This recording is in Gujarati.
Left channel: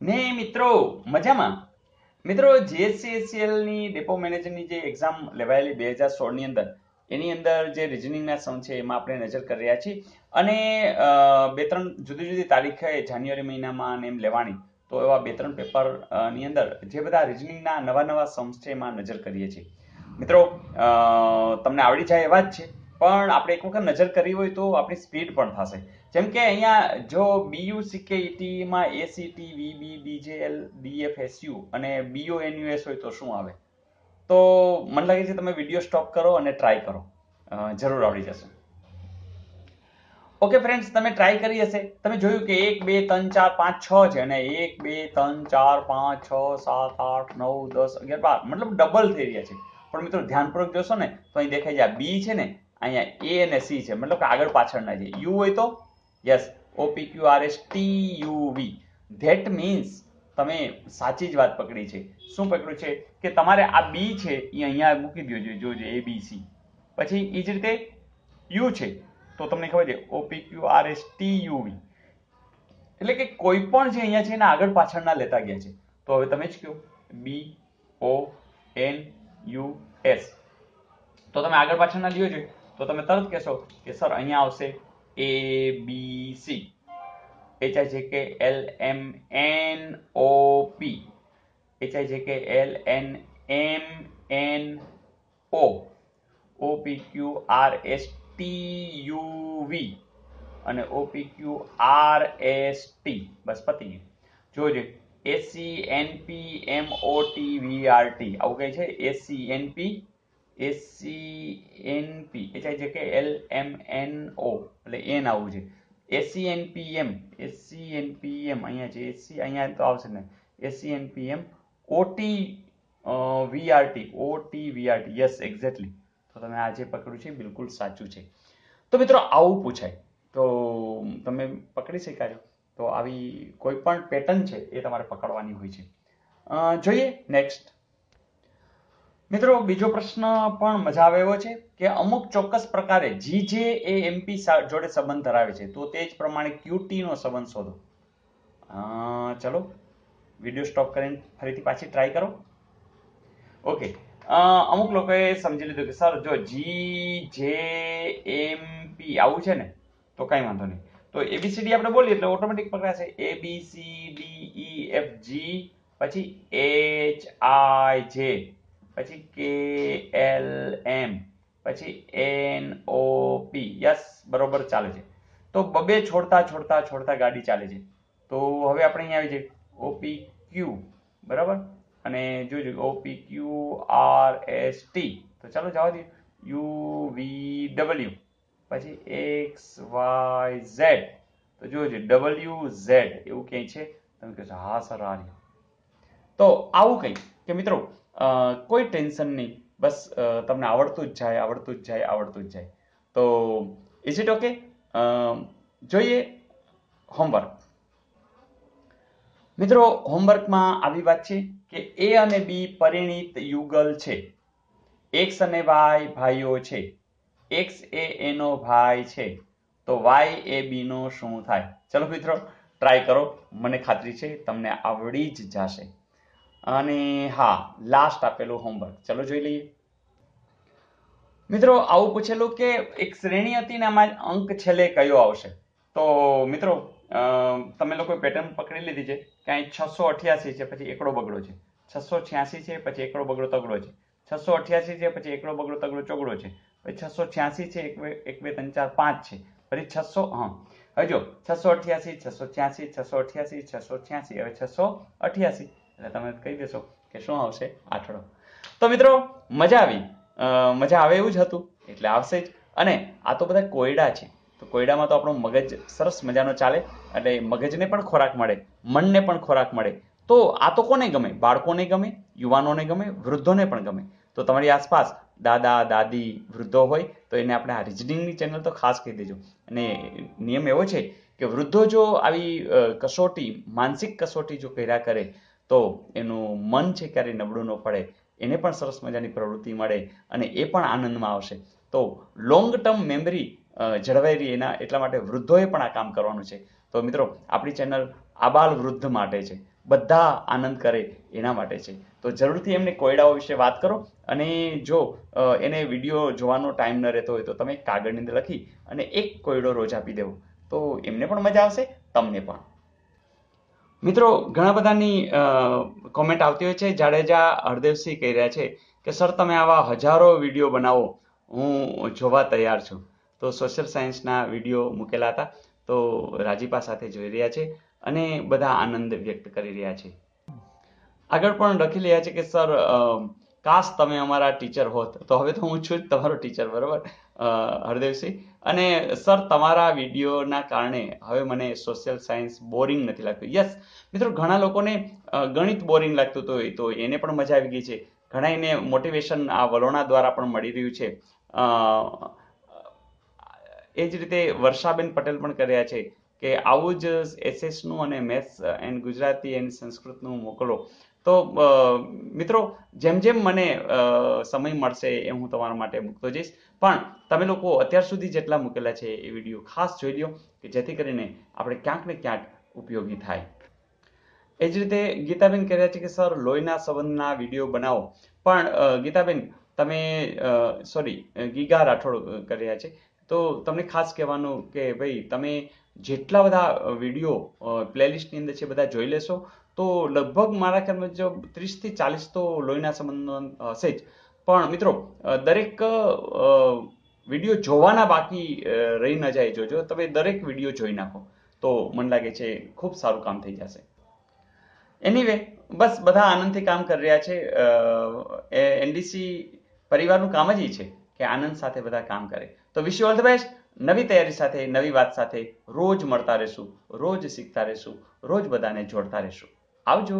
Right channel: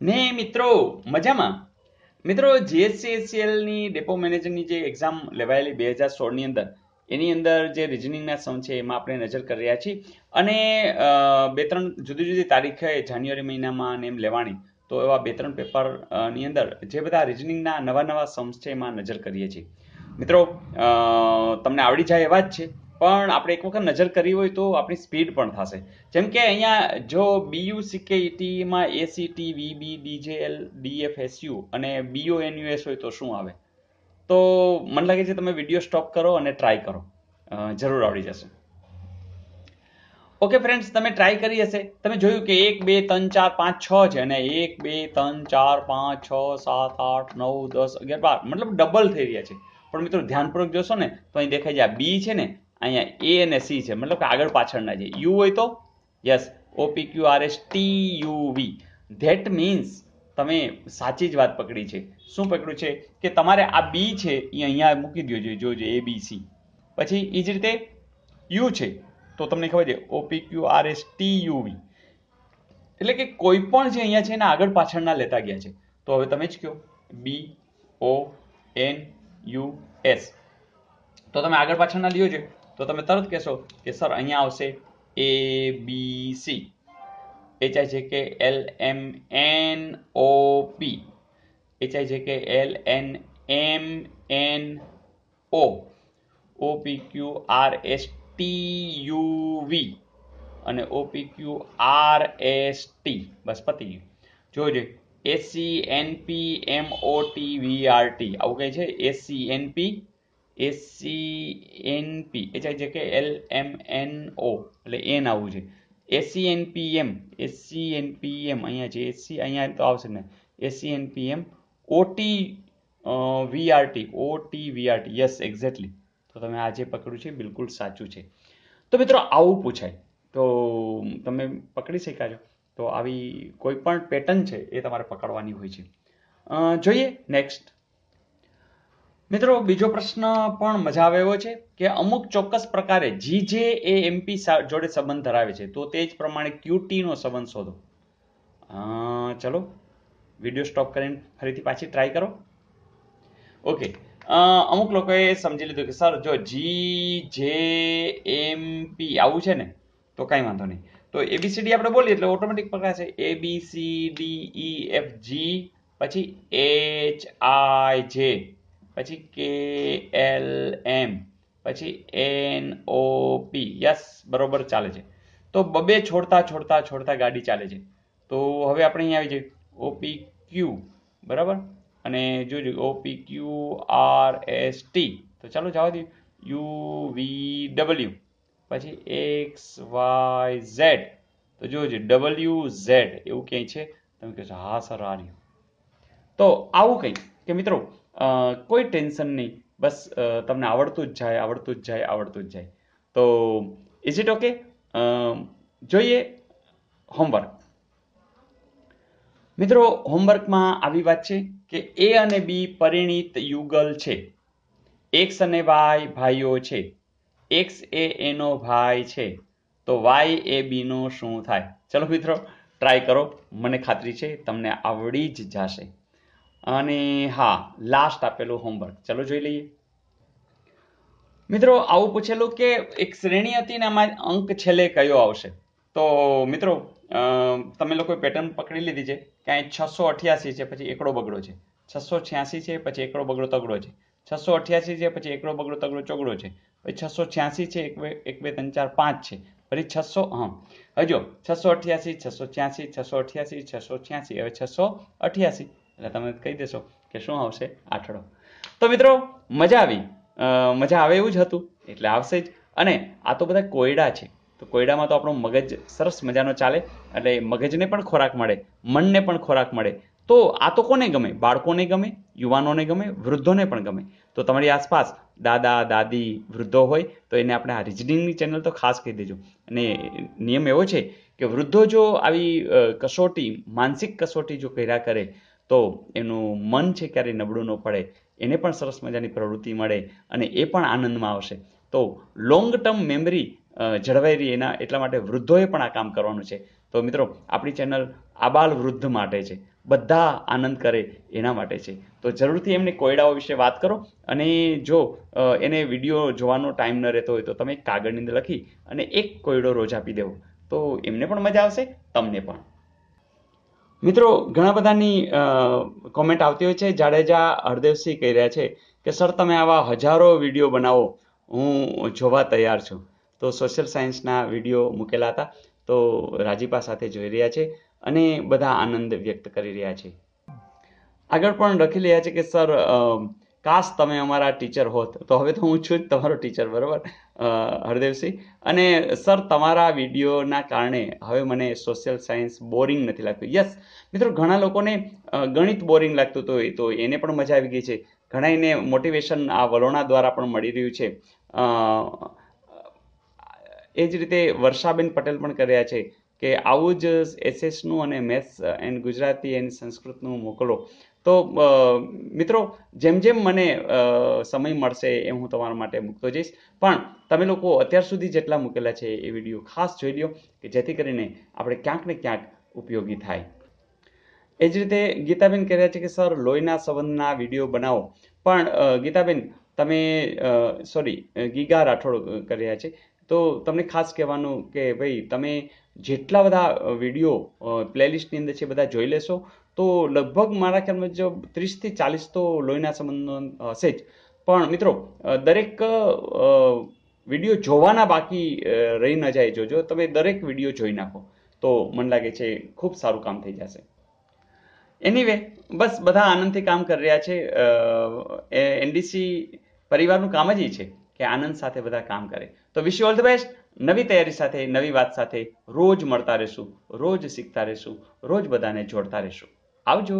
ને મિત્રો મજામાં. મિત્રો જીએસસીએસસીએલ ની ડેપો મેનેજરની જે એક્ઝામ લેવાયેલી 2016 ની અંદર એની અંદર જે રિઝનિંગના સમ છે એમાં આપણે નજર કરી રહ્યા છીએ અને બે ત્રણ જુદી જુદી તારીખે જાન્યુઆરી મહિનામાં અને એમ લેવાની. તો એવા બે ત્રણ પેપર ની અંદર જે બધા રિઝનિંગના નવા નવા સમ્સ છે એમાં નજર કરીએ છીએ. મિત્રો તમને આવડી જાય એવા જ છે, પણ આપણે એક વખત નજર કરી હોય તો આપણી સ્પીડ પણ થશે. જેમ કે અહીંયા જો બીયુ સીકેઈટીમાં એસીટી વીબી ડીજેએલ ડીએફએસયુ અને બીઓએનયુએસ હોય તો શું આવે? તો મને લાગે છે તમે વિડીયો સ્ટોપ કરો અને ટ્રાય કરો, જરૂર આવડી જશે. ઓકે ફ્રેન્ડ્સ, તમે ટ્રાય કરી હશે. તમે જોયું કે 1 2 3 4 5 6 છે અને 1 2 3 4 5 6 7 8 9 10 11 12 મતલબ ડબલ થઈ રહ્યા છે. પણ મિત્રો ધ્યાનપૂર્વક જોશો ને તો અહીં દેખાય છે આ બી છે ને, અહીંયા એ અને સી છે, મતલબ કે આગળ પાછળના છે. યુ હોય તો યસ, OPQRSTUV. ધેટ મીન્સ તમે સાચી જ વાત પકડી છે. શું પકડ્યું છે કે તમારે આ બી છે એ અહીંયા મૂકી દો, જોજો ABC. પછી એ જ રીતે યુ છે તો તમને ખબર છે OPQRSTUV. એટલે કે કોઈ પણ જે અહીંયા છે એના આગળ પાછળના લેતા ગયા છે. તો હવે તમે જ કહો BONUS. તો તમે આગળ પાછળના લ્યો છે તો તમે તરત કહેશો કે સર અહીંયા આવશે ABC. HIJKLMNOP, HIJKLNMNO, OPQRSTUV અને OPQRST. બસ પતી ગયું. જોજો SCNPMOTVRT આવું કઈ છે? SCNP HIJKLMNO એટલે એન આવું છે. SCNPM અહીંયા છે, અહીંયા તો આવશે ને SCNPM OTVRT. Yes, exactly. તો તમે આ જે પકડ્યું છે બિલકુલ સાચું છે. તો મિત્રો આવું પૂછાય તો તમે પકડી શક્યા છો. તો આવી કોઈ પણ પેટર્ન છે એ તમારે પકડવાની હોય છે. જોઈએ નેક્સ્ટ. મિત્રો બીજો પ્રશ્ન પણ મજા આવે એવો છે કે અમુક ચોક્કસ પ્રકારે GJAMP જોડે સંબંધ ધરાવે છે, તો તે જ પ્રમાણે QT નો સંબંધ શોધો. ચલો વિડીયો સ્ટોપ કરીને ફરીથી પાછી ટ્રાય કરો. ઓકે, અમુક લોકોએ સમજી લીધું કે સર જો GJMP આવું છે ને તો કાંઈ વાંધો નહીં. તો ABCD આપણે બોલીએ એટલે ઓટોમેટિક પકડાશે. ABCDEFG, પછી HIJ, પછી KLM, પછી NOP. યસ, બરોબર ચાલે છે. તો બબે છોડતા ગાડી ચાલે છે. તો હવે આપણે અહીંયા આવી જઈએ OPQ, બરાબર, અને જોજો OPQRST. તો ચાલો જવા દઈએ UVW, પછી XYZ. તો જોજો WZ એવું ક્યાંય છે? તમે કહો છો હા સર આ રહ્યું. તો આવું કંઈ કે મિત્રો કોઈ ટેન્શન નહીં, બસ તમને આવડતું જ જાય. તો ઇઝ ઇટ ઓકે? જોઈએ હોમવર્ક. મિત્રો હોમવર્કમાં આવી વાત છે કે A અને B પરિણીત યુગલ છે. X અને Y ભાઈઓ છે. X એ એનો ભાઈ છે, તો Y એ B નો શું થાય? ચલો મિત્રો ટ્રાય કરો, મને ખાતરી છે તમને આવડી જ જશે. અને હા, લાસ્ટ આપેલું હોમવર્ક ચલો જોઈ લઈએ. મિત્રો આવું પૂછેલું કે એક શ્રેણી હતી ને આમાં અંક છેલ્લે કયો આવશે? તો મિત્રો તમે લોકો પેટર્ન પકડી લીધી છે કે અહીં 688 છે, પછી એકડો બગડો છે. 686 છે, પછી એકડો બગડો તગડો છે. 688 છે, પછી એકડો બગડો તગડો ચોગડો છે. પછી 686 છે, 1 2 3 4 5 છે. પછી 600, હવે જો 688 686 688 686, હવે 688 એટલે તમે કહી દેશો કે શું આવશે? આઠડો. તો મિત્રો મજા આવી, મજા આવે એવું જ હતું એટલે આવશે જ. અને આ તો બધા કોયડા છે, તો કોયડામાં તો આપણો મગજ સરસ મજાનો ચાલે, એટલે મગજને પણ ખોરાક મળે, મનને પણ ખોરાક મળે. તો આ તો કોને ગમે? બાળકોને ગમે, યુવાનોને ગમે, વૃદ્ધોને પણ ગમે. તો તમારી આસપાસ દાદા દાદી વૃદ્ધો હોય તો એને આપણે આ રિઝનિંગની ચેનલ તો ખાસ કહી દેજો. અને નિયમ એવો છે કે વૃદ્ધો જો આવી કસોટી, માનસિક કસોટી જો કર્યા કરે તો એનું મન છે ક્યારેય નબળું ન પડે, એને પણ સરસ મજાની પ્રવૃત્તિ મળે અને એ પણ આનંદમાં આવશે. તો લોંગ ટર્મ મેમરી જળવાઈ રહી એટલા માટે વૃદ્ધોએ પણ આ કામ કરવાનું છે. તો મિત્રો આપણી ચેનલ આબાલ વૃદ્ધ માટે છે. બધા આનંદ કરે એના માટે છે. તો જરૂરથી એમને કોયડાઓ વિશે વાત કરો, અને જો એને વિડીયો જોવાનો ટાઈમ ન રહેતો હોય તો તમે કાગળની અંદર લખી અને એક કોયડો રોજ આપી દેવો, તો એમને પણ મજા આવશે, તમને પણ. મિત્રો, ઘણા બધાની કોમેન્ટ આવતી હોય છે. જાડેજા હરદેવસિંહ કહી રહ્યા છે કે સર તમે આવા હજારો વિડીયો બનાવો, હું જોવા તૈયાર છું. તો સોશિયલ સાયન્સના વિડીયો મૂકેલા હતા, તો રાજીપા સાથે જોઈ રહ્યા છે અને બધા આનંદ વ્યક્ત કરી રહ્યા છે. આગળ પણ લખી રહ્યા છે કે સર કાશ તમે અમારા ટીચર હોત. તો હવે તો હું છું જ તમારો ટીચર, બરાબર હરદેવસિંહ. અને સર તમારા વિડીયોના કારણે હવે મને સોશિયલ સાયન્સ બોરિંગ નથી લાગતું. યસ મિત્રો, ઘણા લોકોને ગણિત બોરિંગ લાગતું હતું, તો એને પણ મજા આવી ગઈ છે. ઘણા એને મોટિવેશન આ વલોણા દ્વારા પણ મળી રહ્યું છે. એ જ રીતે વર્ષાબેન પટેલ પણ કર્યા છે કે આવું જ એસએસનું અને મેથ્સ એન્ડ ગુજરાતી એન્ડ સંસ્કૃતનું મોકલો. તો મિત્રો, જેમ જેમ મને સમય મળશે એ હું તમારા માટે મૂકતો જઈશ. પણ તમે લોકો અત્યાર સુધી જેટલા મૂકેલા છે એ વિડીયો ખાસ જોઈ લો, કે જેથી કરીને આપણે ક્યાંક ને ક્યાંક ઉપયોગી થાય. એ જ રીતે ગીતાબેન કહે રહ્યા છે કે સર લોહીના સંબંધના વિડીયો બનાવો. પણ ગીતાબેન તમે ગીગા રાઠોડ કર્યા છે, તો તમને ખાસ કહેવાનું કે ભાઈ તમે જેટલા બધા વિડીયો પ્લેલિસ્ટની અંદર છે બધા જોઈ લેશો તો લગભગ મારા ખ્યાલમાં જો 30 થી 40 તો લોહીના સંબંધનો હશે જ. પણ મિત્રો, દરેક વિડીયો જોવાના બાકી રહી ન જાય. જોજો તમે દરેક વિડીયો જોઈ નાખો તો મને લાગે છે ખૂબ સારું કામ થઈ જશે. એનીવે, બસ બધા આનંદથી કામ કરી રહ્યા છે. એનડીસી પરિવારનું કામ જ એ છે કે આનંદ સાથે બધા કામ કરે. તો wish you all the best. નવી તૈયારી સાથે, નવી વાત સાથે રોજ મળતા રહેશું, રોજ શીખતા રહેશું, રોજ બધાને જોડતા રહેશું. આવજો.